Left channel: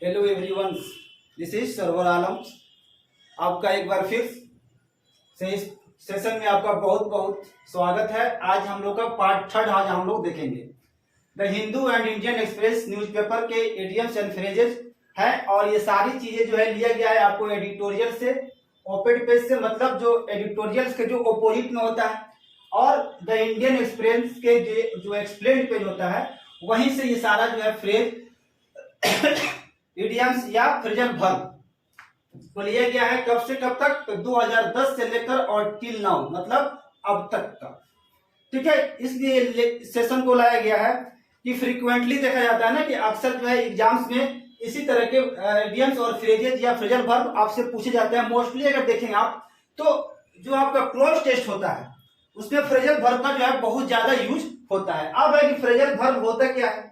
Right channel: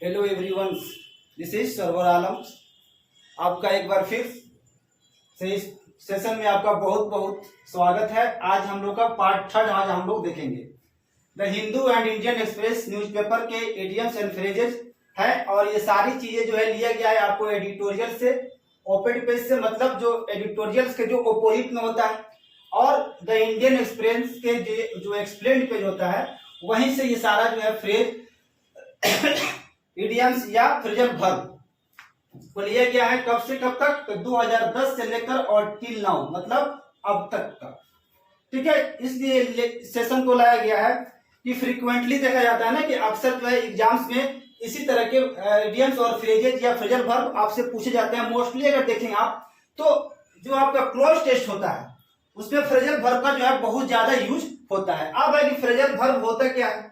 Hello everyone, this is Sarwar Alam. आपका एक बार फिर से इस सेशन में आपका बहुत बहुत स्वागत है। आज हम लोग का पार्ट थर्ड आज हम लोग देखेंगे। The Hindu and Indian express newspaper के इडियम्स एंड फ्रेजेस है और ये सारी चीजें जो है लिया गया है आपको एडिटोरियल से, ओपेड पेज से, मतलब जो एडिटोरियल्स के जो ओपोजिट में होता है, और द इंडियन एक्सप्रेस के जो एक्सप्लेन पेज होता है वहीं से ये सारा जो है फ्रेज इडियम्स या फ्रेजल वर्ब को लिया गया है। कब से कब तक? तो 2010 से लेकर और टिल नाउ, मतलब अब तक का। ठीक है, इसलिए सेशन को लाया गया है कि फ्रीक्वेंटली देखा जाता है ना कि अक्सर जो है एग्जाम्स में इसी तरह के इडियम्स और फ्रेजेज या फ्रेजल वर्ब आपसे पूछे जाते हैं। मोस्टली अगर देखेंगे आप तो जो आपका क्लोज टेस्ट होता है उसमें फ्रेजल वर्ब का जो है बहुत ज्यादा यूज होता है। अब है कि फ्रेजल वर्ब होता क्या है,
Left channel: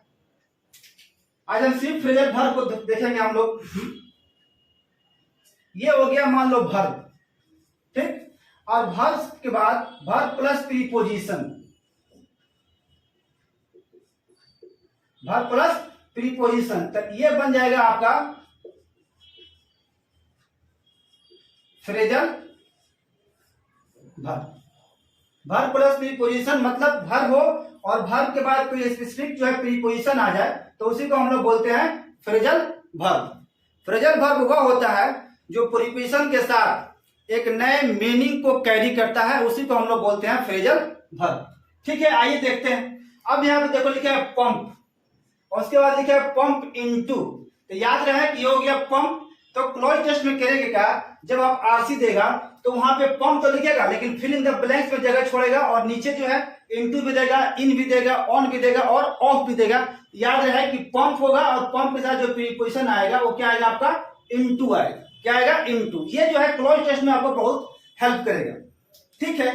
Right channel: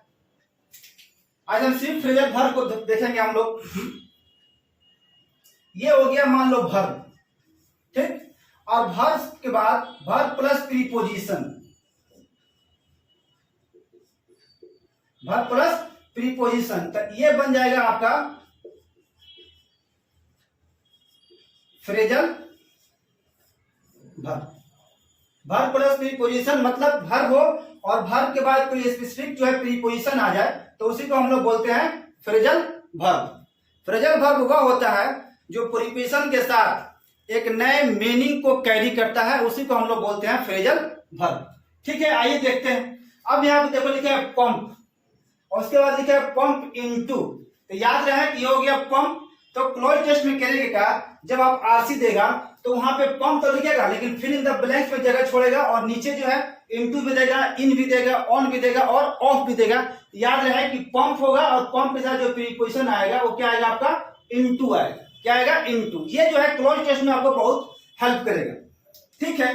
आज हम सिर्फ फ्रेजल वर्ब को देखेंगे हम लोग। ये हो गया मान लो वर्ब, ठीक, और वर्ब के बाद verb plus preposition, verb plus preposition, तो ये बन जाएगा आपका phrasal verb. Verb plus preposition मतलब वर्ब हो और वर्ब के बाद कोई स्पेसिफिक जो है प्रीपोजिशन आ जाए तो उसी को हम लोग बोलते हैं फ्रेजल वर्ब। फ्रेजल वर्ब वह होता है जो प्रीपोजिशन के साथ एक नए मीनिंग को कैरी करता है, उसी को हम लोग बोलते हैं फ्रेजल वर्ब। ठीक है, आइए देखते हैं। अब यहाँ पे देखो लिखा है पंप और उसके बाद लिखा है पंप इनटू, तो याद रहे कि ये हो गया पंप। तो क्लोज टेस्ट में करेंगे क्या, जब आप आरसी देगा तो वहां पे पंप तो लिखेगा लेकिन फिल इन द ब्लैंक्स में जगह छोड़ेगा और नीचे जो है इनटू भी देगा, इन भी देगा, ऑन भी देगा और ऑफ भी देगा। याद रहे कि पंप होगा और पंप के साथ जो प्रीपोजिशन आएगा वो क्या आएगा आपका इनटू आएगा। क्या आएगा? इनटू। ये जो है क्लोज टेस्ट में आपको बहुत हेल्प करेगा। ठीक है,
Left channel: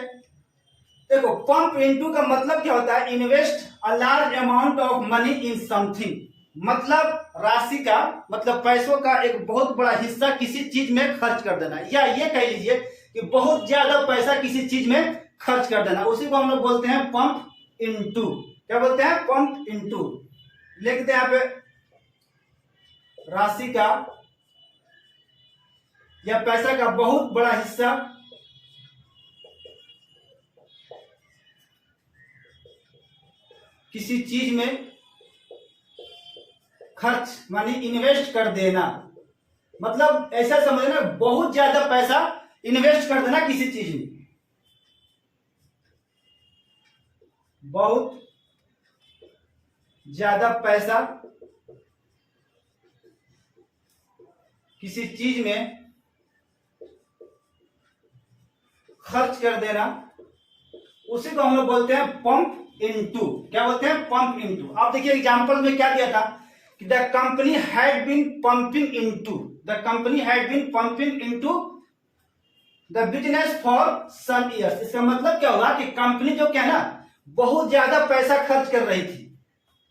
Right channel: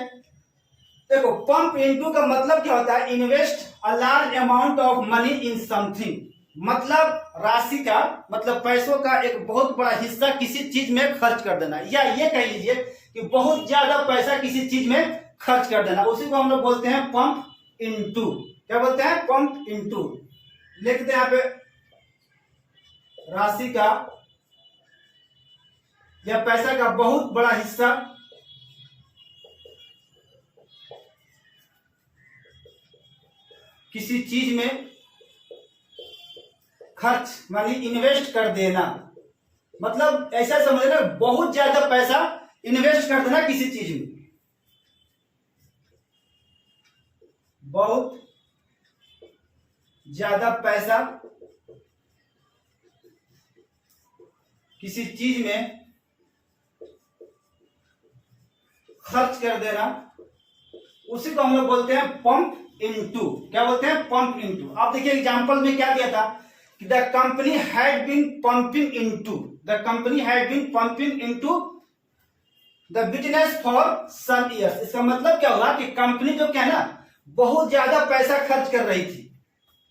देखो पंप इनटू का मतलब क्या होता है, invest a large amount of money in something, मतलब राशि का मतलब पैसों का एक बहुत बड़ा हिस्सा किसी चीज में खर्च कर देना, या ये कह लीजिए कि बहुत ज्यादा पैसा किसी चीज में खर्च कर देना, उसी को हम लोग बोलते हैं पंप इनटू। क्या बोलते हैं? Pump into. लिखते हैं यहाँ पे राशि का या पैसा का बहुत बड़ा हिस्सा किसी चीज में खर्च मानी इन्वेस्ट कर देना, मतलब ऐसा समझना बहुत ज्यादा पैसा इन्वेस्ट कर देना किसी चीज में, बहुत ज्यादा पैसा किसी चीज में खर्च कर देना, उसी को हम लोग बोलते हैं पंप इनटू। क्या बोलते हैं? Pump into. आप देखिए एग्जांपल में क्या दिया था कि the company had been pumping into, the company had been pumping into the business for some years. इसका मतलब क्या होगा कि कंपनी जो क्या है ना बहुत ज्यादा पैसा खर्च कर रही थी,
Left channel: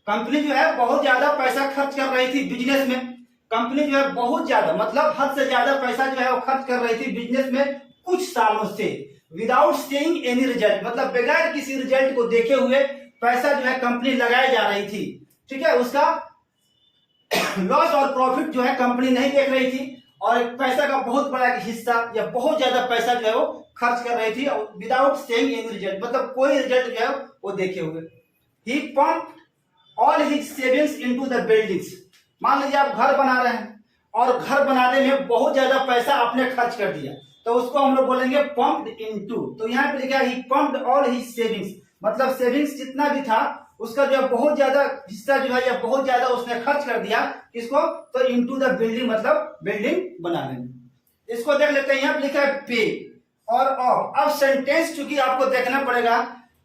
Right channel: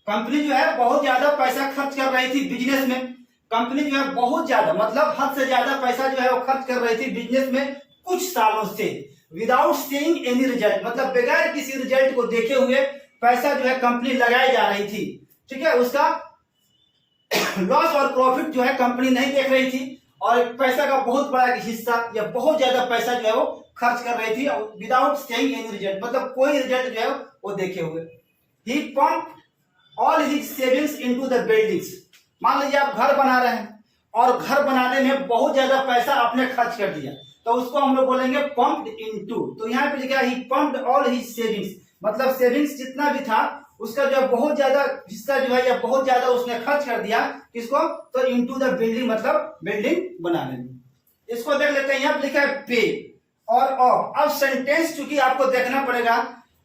कंपनी जो है बहुत ज्यादा पैसा खर्च कर रही थी बिजनेस में। कंपनी जो है बहुत ज्यादा मतलब हद से ज्यादा पैसा जो है वो खर्च कर रही थी बिजनेस में कुछ सालों से, विदाउट सीइंग एनी रिजल्ट, मतलब बगैर किसी रिजल्ट को देखे हुए पैसा जो है कंपनी लगाई जा रही थी। ठीक है, उसका लॉस और प्रॉफिट जो है कंपनी नहीं देख रही थी और एक पैसा का बहुत बड़ा हिस्सा या बहुत ज्यादा पैसा जो है वो खर्च कर रही थी विदाउट सीइंग एनी रिजल्ट, मतलब कोई रिजल्ट जो है वो देखे हुए। He pump all his savings into the buildings. मान लीजिए आप घर बना रहे हैं और घर बनाने में बहुत ज्यादा पैसा आपने खर्च कर दिया तो उसको हम लोग बोलेंगे पंप्ड इनटू। तो यहाँ पे लिखा है ही पंप्ड ऑल हिज सेविंग्स, मतलब सेविंग्स जितना भी था उसका जो है बहुत ज्यादा हिस्सा जो है या बहुत ज्यादा उसने खर्च कर दिया किसको, तो इनटू द बिल्डिंग, मतलब बिल्डिंग बनाने में। इसको देख लेते हैं, यहाँ पे लिखा है पे और ऑफ। अब सेंटेंस चूंकि आपको देखना पड़ेगा,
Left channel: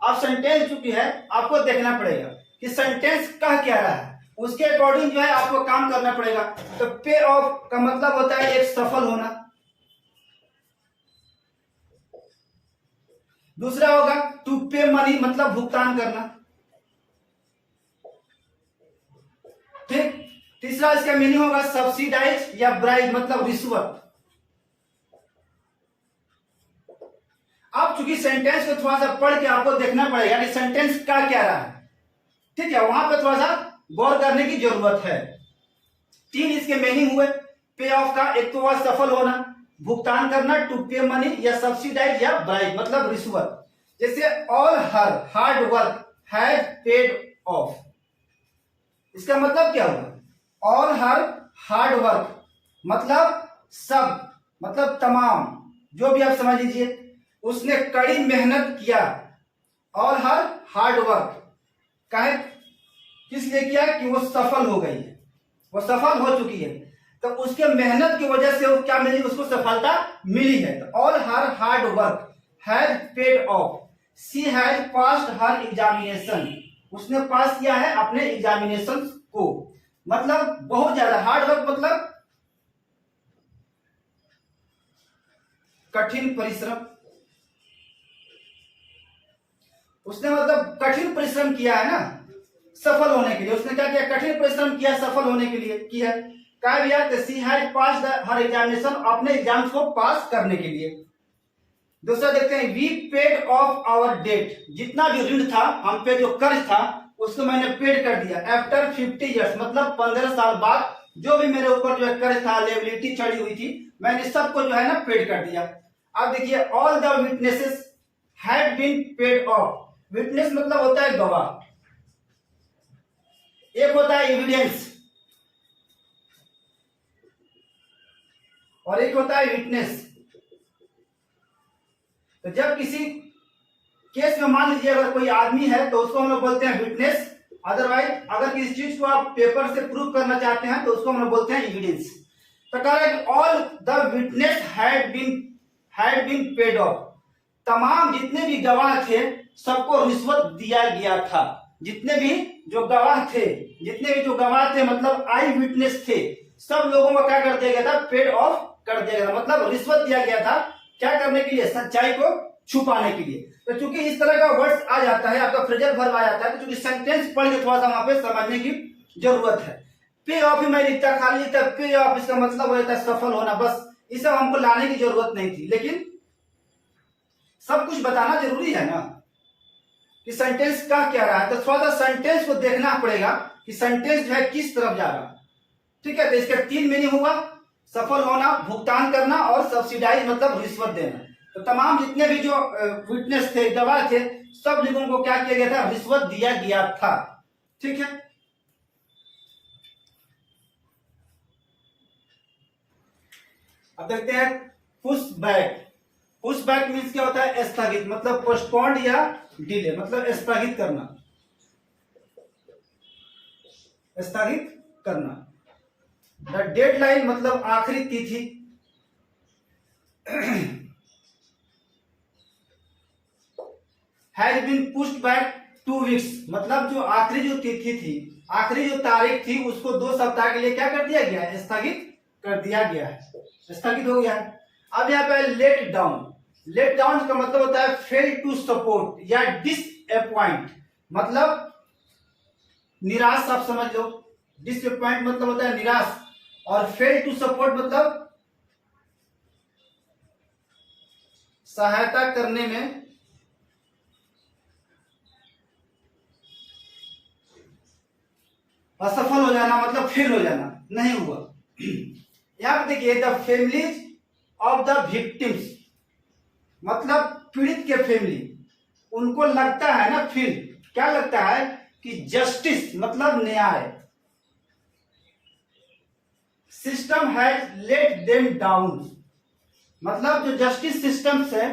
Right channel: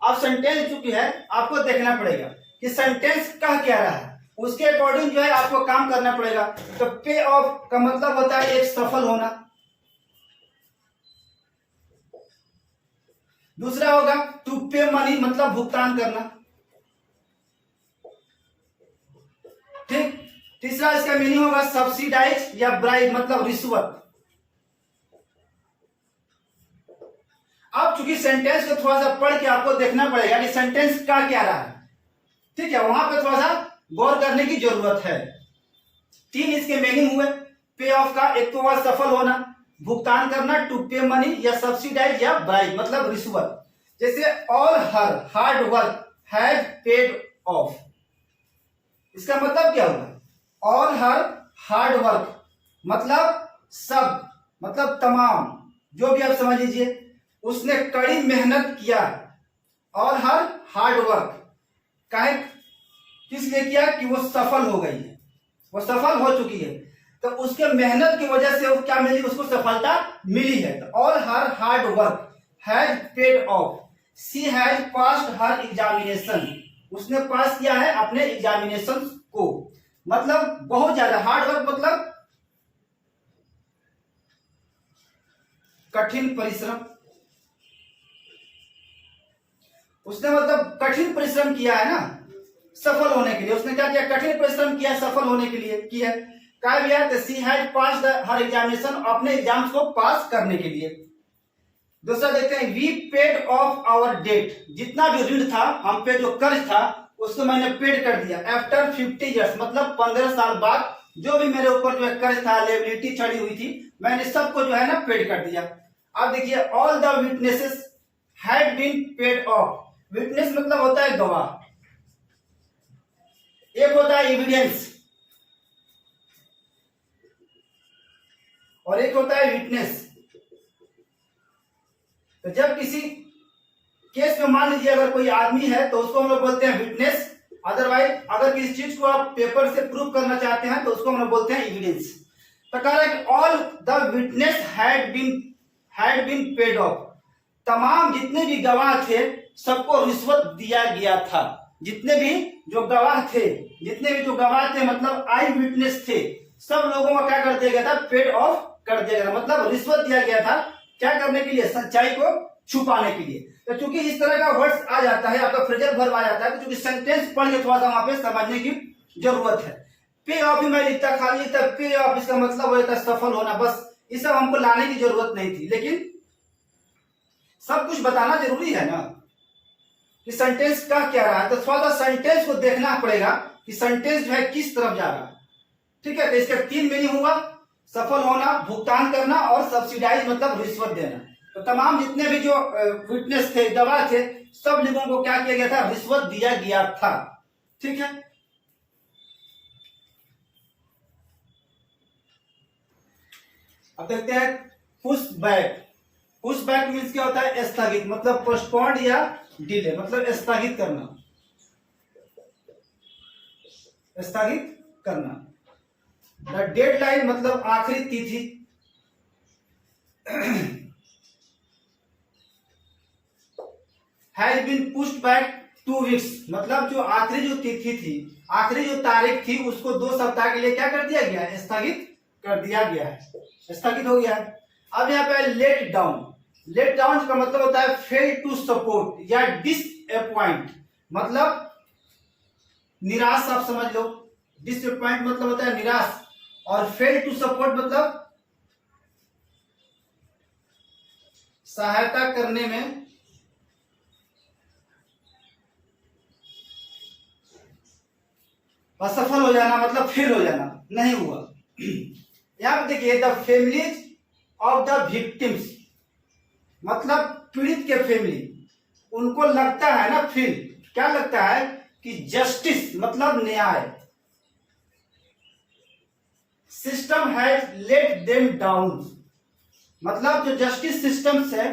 अब सेंटेंस चूंकि है आपको देखना पड़ेगा कि सेंटेंस कह क्या रहा है, उसके अकॉर्डिंग जो है आपको काम करना पड़ेगा। तो पे ऑफ का मतलब होता है एक सफल होना, दूसरा होगा टू पे मनी मतलब भुगतान करना, ठीक। तीसरा इसका मीनिंग होगा सब्सिडाइज या ब्राइब मतलब रिश्वत। अब चूंकि सेंटेंस को थोड़ा सा पढ़ के आपको देखना पड़ेगा कि सेंटेंस क्या रहा है, ठीक है, वहां पे थोड़ा सा गौर करने की जरूरत है। तीन इसके मीनिंग हुए पे ऑफ का। एक तो हुआ सफल होना, भुगतान करना, टू पे मनी या सब्सिडाइज या ब्राइब मतलब रिश्वत। जैसे all her hard work has paid of, इसका मतलब क्या हुआ? ऑल हर हार्ड वर्क मतलब सब, मतलब तमाम, जो भी आप समझ लीजिए, उसने कड़ी मेहनत किया। ऑल हर हार्ड वर्क काहे किस लिए किया? कि वो सफल हो गई है, वो सफल हो चुकी है, तो उसके मेहनत की वजह से वो क्या मिली? उसको सफलता मिली है। तो all her hard work has paid of, she has passed her examination, उसने पास किया है अपने एग्जामिनेशन को। मतलब बहुत ज्यादा हार्ड वर्क मतलब कठिन परिश्रम, उसने मतलब कठिन परिश्रम किया है ना सफल होने के लिए। उसने क्या किया? कठिन परिश्रम किया सफल होने के लिए किया। क्या किया? She has passed her examination, अपने एग्जाम्स को पास करने के लिए। दूसरा देखते हैं, we paid off our debt, जितना भी ऋण था, हम पे जो कर्ज था उसको मैंने पेड कर दिया। आफ्टर 50 ईयर्स मतलब 15 साल बाद जो भी मेरे ऊपर जो है कर्ज था, लायबिलिटी चढ़ी हुई थी, मैंने सबको जो है ना पेड कर दिया। अब देखिए, all the witnesses had been paid off. Witness मतलब होता है गवाह, एक होता है एविडेंस और एक होता है विटनेस। तो जब किसी केस में मान लीजिए अगर कोई आदमी है तो उसको हम लोग बोलते हैं विटनेस। अदरवाइज अगर किसी चीज को आप पेपर से प्रूव करना चाहते हैं तो उसको हम लोग बोलते हैं एविडेंस। तो कह रहा है कि all the witness had been paid off, तमाम जितने भी गवाह थे सबको रिश्वत दिया गया था। जितने भी जो गवाह थे मतलब आई विटनेस थे, सब लोगों को क्या कर दिया गया था? पेड ऑफ कर दिया गया था, मतलब रिश्वत दिया गया था। क्या करने के लिए? सच्चाई को छुपाने के लिए। तो चूंकि इस तरह का वर्ड्स आ जाता है, आपका फ्रेजल वर्ब आ जाता है, तो चूंकि सेंटेंस पढ़ के थोड़ा सा वहां पे समझने की जरूरत है। पे ऑफ ही मैं लिखता, खाली लिखता पे ऑफ, इसका मतलब हो जाता है सफल होना। बस ये सब हमको लाने की जरूरत नहीं थी, लेकिन सब कुछ बताना जरूरी है ना कि सेंटेंस का क्या रहा है। तो थोड़ा सा सेंटेंस को देखना पड़ेगा कि सेंटेंस जो है किस तरफ जा रहा। ठीक है, तो इसका तीन मीनिंग हुआ, सफल होना, भुगतान करना और सब्सिडाइज मतलब रिश्वत देना। तो तमाम जितने भी जो विटनेस थे, गवाह थे, सब लोगों को क्या किया गया था? रिश्वत दिया गया था। ठीक है, अब देखते हैं push back. Push back means क्या होता है? स्थगित, मतलब पोस्टपोन्ड या डिले, मतलब स्थगित करना, स्थगित करना। द डेडलाइन मतलब आखिरी तिथि। Has been pushed back 2 weeks, मतलब जो आखिरी जो तिथि थी, आखिरी जो तारीख थी, उसको 2 सप्ताह के लिए क्या कर दिया गया? स्थगित कर दिया गया है, स्थगित हो गया है। अब यहाँ पे लेट डाउन। लेट डाउन का मतलब होता है फेल टू सपोर्ट या डिसअपॉइंट, मतलब निराश, आप समझ लो। डिसअपॉइंट मतलब होता है निराश, और फेल टू सपोर्ट मतलब सहायता करने में असफल हो जाना, मतलब फेल हो जाना, नहीं हुआ। यहां पर देखिए, the families of the victims मतलब पीड़ित के फैमिली, उनको लगता है ना, फील क्या लगता है? कि जस्टिस मतलब न्याय, system has let them down, मतलब जो जस्टिस सिस्टम्स है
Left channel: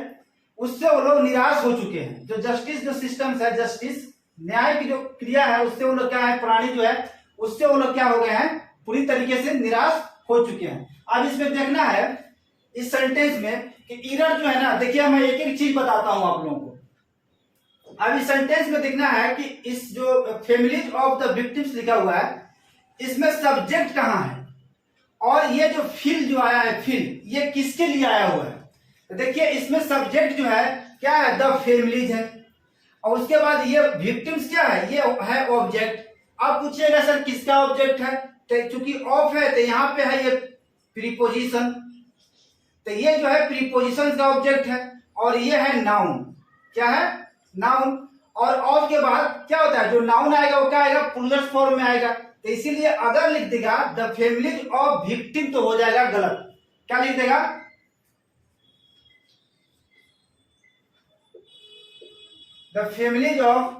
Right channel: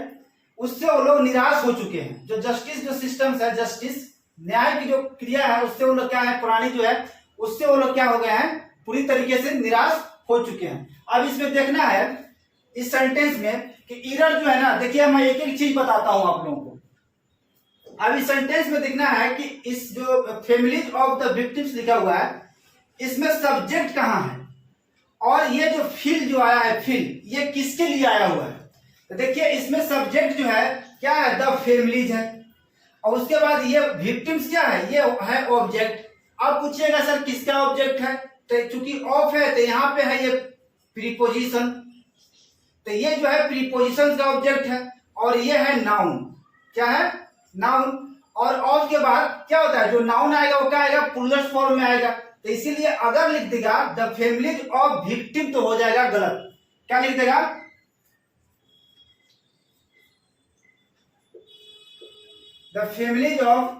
उससे वो लोग निराश हो चुके हैं। जो जस्टिस जो सिस्टम्स है, जस्टिस न्याय की जो क्रिया है, उससे वो लोग क्या है, प्राणी जो है, उससे वो लोग क्या हो गए हैं? पूरी तरीके से निराश हो चुके हैं। अब इसमें देखना है इस सेंटेंस में कि इरर जो है ना, देखिए मैं एक एक चीज बताता हूं आप लोगों को। अब इस सेंटेंस में देखना है कि इस जो फैमिलीज ऑफ द विक्टिम्स लिखा हुआ है, इसमें सब्जेक्ट कहां है और ये जो फील जो आया है, फील ये किसके लिए आया हुआ है? तो देखिए इसमें सब्जेक्ट जो है क्या है? द फैमिलीज है, और उसके बाद ये विक्टिम्स क्या है? ये है ऑब्जेक्ट। अब पूछिएगा सर किसका ऑब्जेक्ट है? तो चूंकि ऑफ है तो यहाँ पे है ये प्रीपोजिशन, तो ये जो है प्रीपोजिशन का ऑब्जेक्ट है, और ये है नाउन। क्या है? नाउन। और ऑफ के बाद क्या होता है? जो नाउन आएगा वो क्या आएगा? प्लूरल फॉर्म में आएगा। तो इसीलिए अगर लिख देगा द फैमिलीज ऑफ विक्टिम तो हो जाएगा गलत। क्या लिख देगा? द फैमिलीज ऑफ,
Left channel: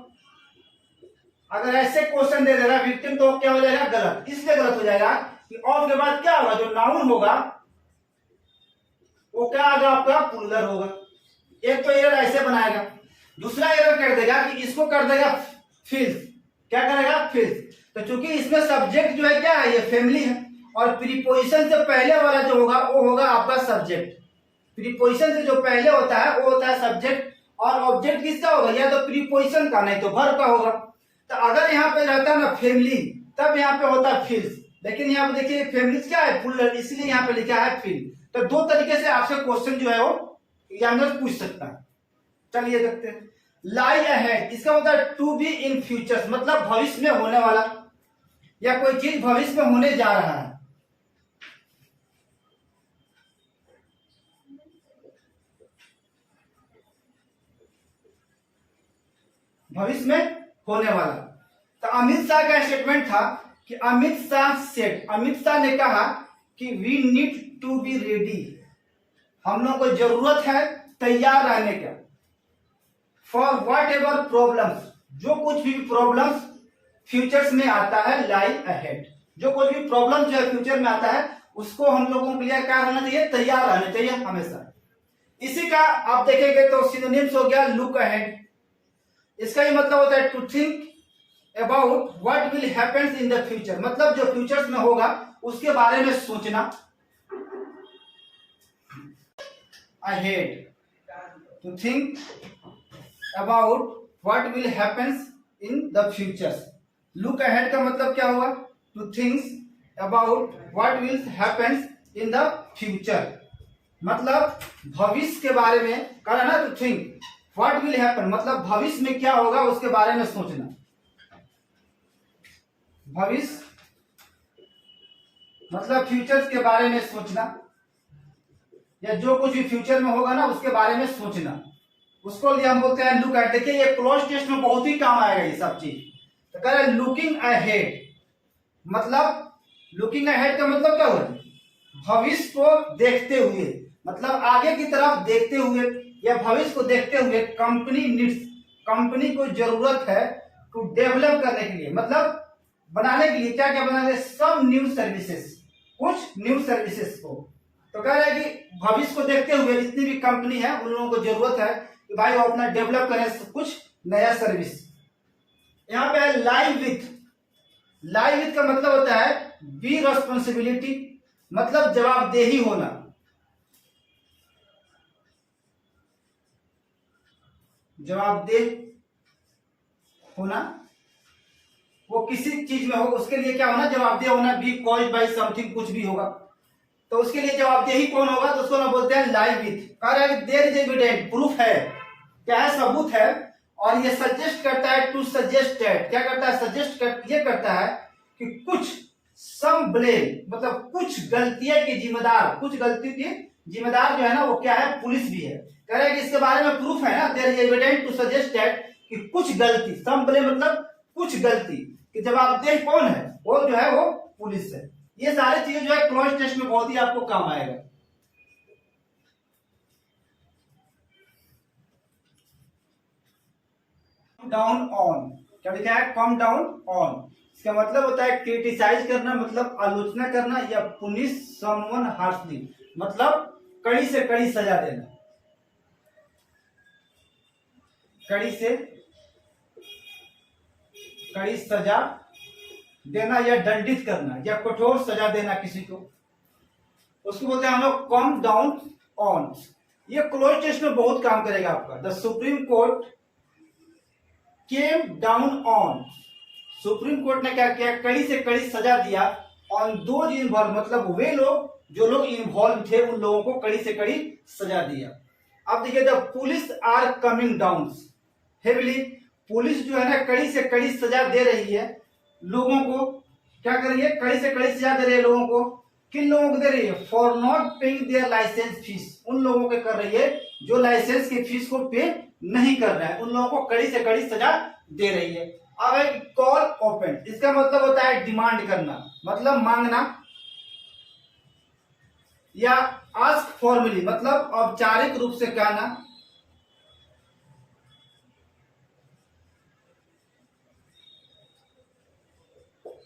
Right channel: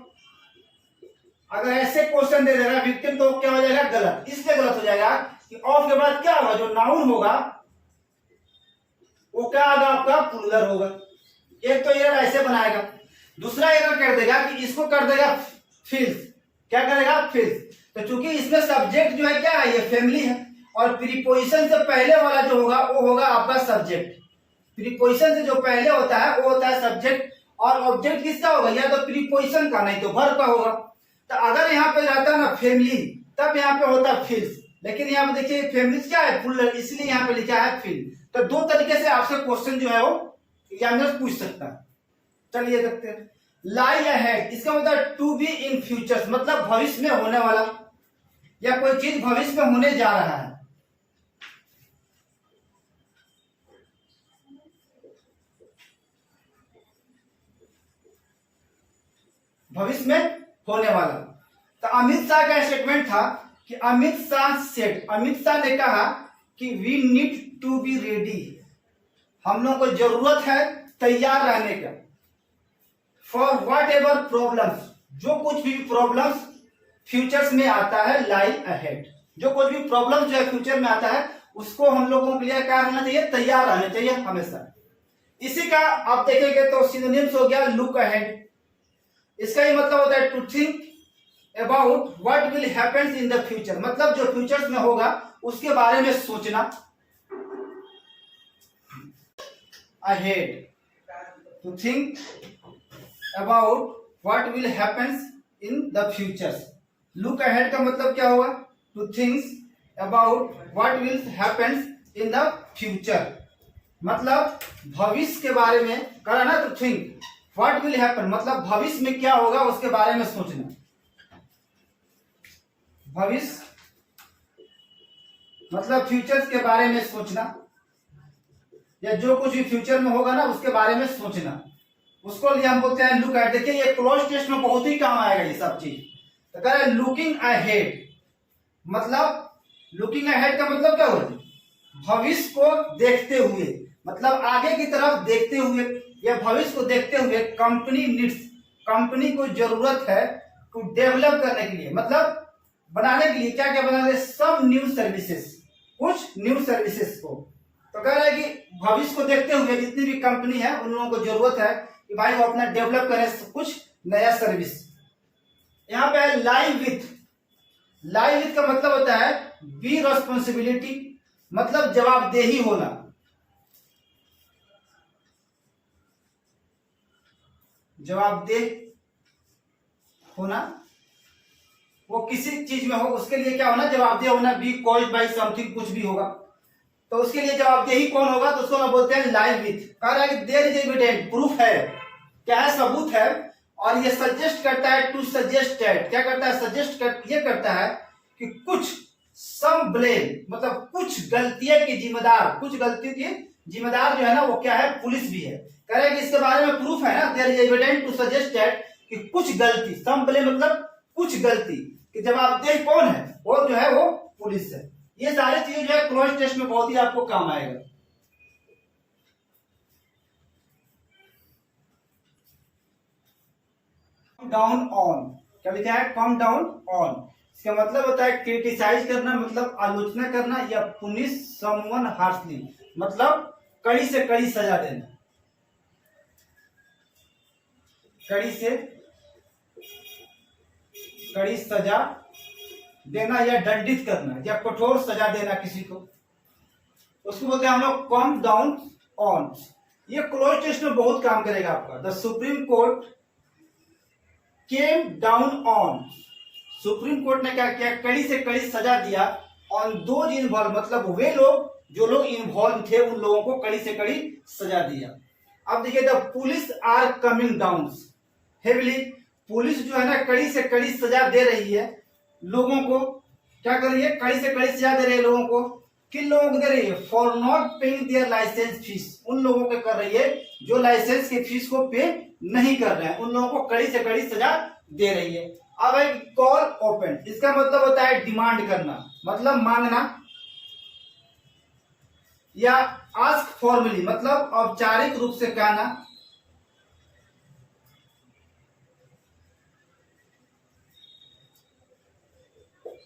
अगर ऐसे क्वेश्चन दे देगा विक्टिम तो क्या हो जाएगा? गलत। इसलिए गलत हो जाएगा कि ऑफ के बाद क्या होगा? जो नाउन होगा वो क्या होगा? आपका प्लूरल होगा। एक तो एरर ऐसे बनाएगा, दूसरा एरर कर देगा कि इसको कर देगा फिल्स। क्या करेगा? फिल्स। तो चूंकि इसमें सब्जेक्ट जो है क्या है? ये फैमिली है, और प्रीपोजिशन से पहले वाला जो होगा वो होगा आपका सब्जेक्ट। प्रीपोजिशन से जो पहले होता है वो होता है सब्जेक्ट, और ऑब्जेक्ट किसका होगा? या तो प्रीपोजिशन का, नहीं तो वर्ब का होगा। तो अगर यहाँ पे रहता ना फैमिली, तब यहाँ पे होता फिल्स, लेकिन यहाँ पे देखिए फैमिली क्या है? प्लूरल, इसलिए यहाँ पे लिखा है फिल। तो दो तरीके से आपसे क्वेश्चन जो है वो एग्जामिनर पूछ सकता है। चलिए देखते हैं। लाई अहेड, इसका मतलब टू बी इन फ्यूचर, मतलब भविष्य में होने वाला, या कोई चीज भविष्य में होने जा रहा है। भविष्य में होने वाला। तो अमित शाह का स्टेटमेंट था कि अमित शाह ने कहा कि we need to be ready, हम लोग को जरूरत है तैयार रहने का, फॉर व्हाट एवर प्रॉब्लम्स, जो कुछ भी प्रॉब्लम्स फ्यूचर्स में आता है, लाई अहेड, जो कुछ भी प्रॉब्लम जो है फ्यूचर में आता है उसको हम लोगों के लिए क्या रहना चाहिए? तैयार रहना चाहिए हमेशा। इसी का आप देखेंगे तो सिनोनिम्स हो गया लुक अहेड। इसका ही मतलब होता है to think about what will happens in the future, मतलब जो फ्यूचर्स में होगा उसके बारे में सोचना। Ahead, to think about what will happens in the futures. Look ahead का मतलब क्या हुआ? To think about what will happens in the future, मतलब भविष्य के बारे में करना ना। To think what will happen, मतलब भविष्य में क्या होगा उसके बारे में सोचना। भविष्य मतलब फ्यूचर्स के बारे में सोचना, या जो कुछ भी फ्यूचर में होगा ना उसके बारे में सोचना, उसको लिए हम बोलते हैं लुक अहेड। देखिए ये क्लोज टेस्ट में बहुत ही काम आएगा ये सब चीज। तो कह रहे लुकिंग अहेड, मतलब लुकिंग अहेड का मतलब क्या हुआ? भविष्य को देखते हुए, मतलब आगे की तरफ देखते हुए या भविष्य को देखते हुए कंपनी नीड्स, कंपनी को जरूरत है टू डेवलप करने के लिए, मतलब बनाने के लिए क्या क्या बनाने? सब न्यू सर्विसेज, कुछ न्यू सर्विसेज को। तो कह रहे हैं कि भविष्य को देखते हुए जितनी भी कंपनी है उन लोगों को जरूरत है कि भाई वो अपना डेवलप करें कुछ नया सर्विस। यहाँ पे लाइव विथ, लाइव विथ का मतलब होता है बी रिस्पॉन्सिबिलिटी, मतलब जवाबदेही होना। जवाबदेह होना, वो किसी चीज में हो उसके लिए क्या होना? जवाबदेह होना। बी कॉज्ड बाय समथिंग, कुछ भी होगा तो उसके लिए जवाबदेही कौन होगा? तो उसको ना बोलते हैं लाइव विथ। कह रहा है देयर इज एविडेंट, प्रूफ है, क्या है? सबूत है। और ये सजेस्ट करता है टू सजेस्ट दैट, क्या करता है? सजेस्ट ये करता है कि कुछ सम ब्लेम, मतलब कुछ गलतियों के जिम्मेदार, कुछ गलती के जिम्मेदार जो है ना वो क्या है? पुलिस भी है। कह रहे हैं कि इसके बारे में प्रूफ है ना, there is evident to suggest that, कि कुछ गलती, सम ब्लेम मतलब कुछ गलती, कि जवाबदेह कौन है? वो जो है वो पुलिस है। ये सारी चीजें जो है क्लोज टेस्ट में बहुत ही आपको काम आएगा। डाउन ऑन, क्या लिखा है? कम डाउन ऑन, इसका मतलब होता है क्रिटिसाइज करना, मतलब आलोचना करना, या पुनिश समवन हार्शली, मतलब कड़ी से कड़ी सजा देना, कड़ी से कड़ी सजा देना, या दंडित करना, या कठोर सजा देना किसी को, उसको बोलते हैं हम लोग कम डाउन ऑन। ये क्लोज टेस्ट में बहुत काम करेगा आपका। The supreme court came down on, supreme court ने क्या किया? कड़ी से कड़ी सजा दिया ऑन दोज इन्वॉल्व, मतलब वे लोग जो लोग इन्वॉल्व थे उन लोगों को कड़ी से कड़ी सजा दिया। अब देखिए the police are coming down heavily, police जो है ना कड़ी से कड़ी सजा दे रही है लोगों को। क्या कर रही है? कड़ी से कड़ी सजा दे रही है लोगों को। किन लोगों को दे रही है? For not paying their licence fees, उन लोगों को कर रही है जो लाइसेंस की फीस को पे नहीं कर रहे हैं, उन लोगों को कड़ी से कड़ी सजा दे रही है। अब है कॉल ओपन, इसका मतलब होता है डिमांड करना, मतलब मांगना, या आस्क फॉर्मली मतलब औपचारिक रूप से कहना,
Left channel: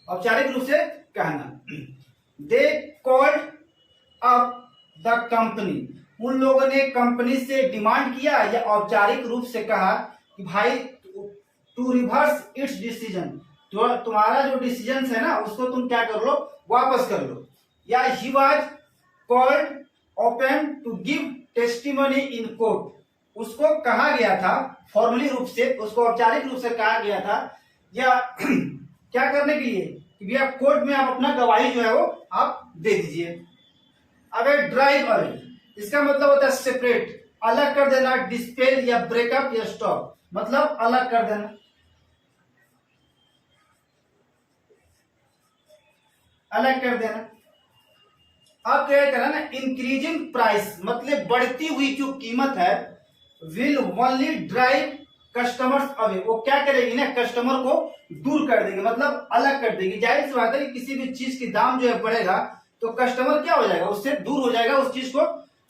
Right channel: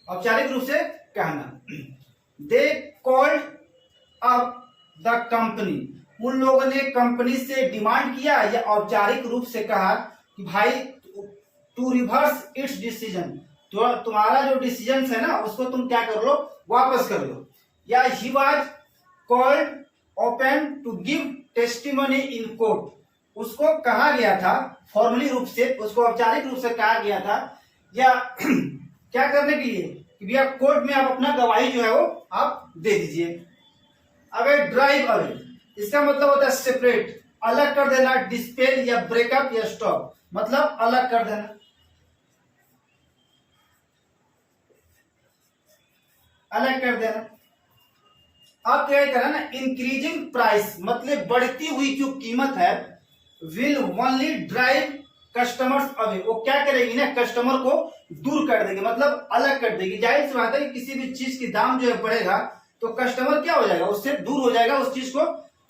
औपचारिक रूप से कहना। They called up the company, उन लोगों ने कंपनी से डिमांड किया या औपचारिक रूप से कहा कि भाई टू रिवर्स इट्स डिसीजन, तो तुम्हारा जो डिसीजन है ना उसको तुम क्या कर लो, वापस कर लो। या he was called open to give testimony in court, उसको कहा गया था फॉर्मली रूप से, उसको औपचारिक रूप से कहा गया था या क्या करने के लिए कि भैया कोर्ट में आप अपना गवाही जो है वो आप दे दीजिए। अगर ड्राइव अवे, इसका मतलब होता है सेपरेट, अलग कर देना, डिस्पेल या ब्रेकअप या स्टॉप, मतलब अलग कर देना, अलग कर देना। अब क्या करना ना, इंक्रीजिंग प्राइस मतलब बढ़ती हुई जो कीमत है, will only drive customers away, वो क्या करेगी ना, कस्टमर को दूर कर देगी, मतलब अलग कर देगी। जाहिर सी बात है कि किसी भी चीज की दाम जो है बढ़ेगा तो कस्टमर क्या हो जाएगा, उससे दूर हो जाएगा, उस चीज को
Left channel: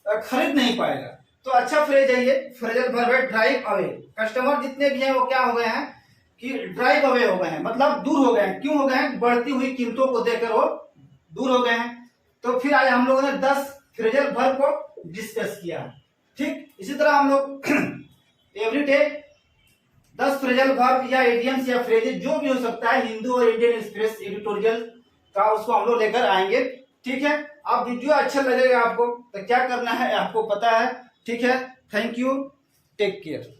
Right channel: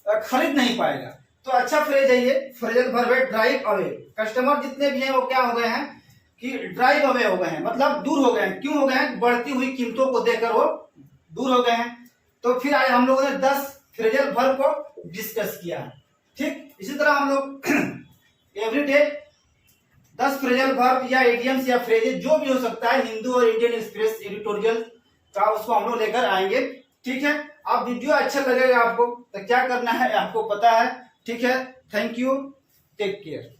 खरीद नहीं पाएगा। तो अच्छा फ्रेज है ये, फ्रेजल वर्ब है ड्राइव अवे। कस्टमर जितने भी हैं वो क्या हो गए हैं कि ड्राइव अवे हो गए हैं, मतलब दूर हो गए हैं। क्यों हो गए हैं, बढ़ती हुई कीमतों को देखकर वो दूर हो गए हैं। तो फिर आज हम लोगों ने 10 फ्रेजल वर्ब को डिस्कस किया, ठीक। इसी तरह हम लोग एवरीडे 10 फ्रेजल वर्ब या इडियम्स या फ्रेजेस जो भी हो सकता है हिंदू और इंडियन एक्सप्रेस एडिटोरियल का, उसको हम लोग लेकर आएंगे, ठीक है। अब वीडियो अच्छा लगेगा आपको तो क्या करना है आपको पता है, ठीक है। Thank you, take care.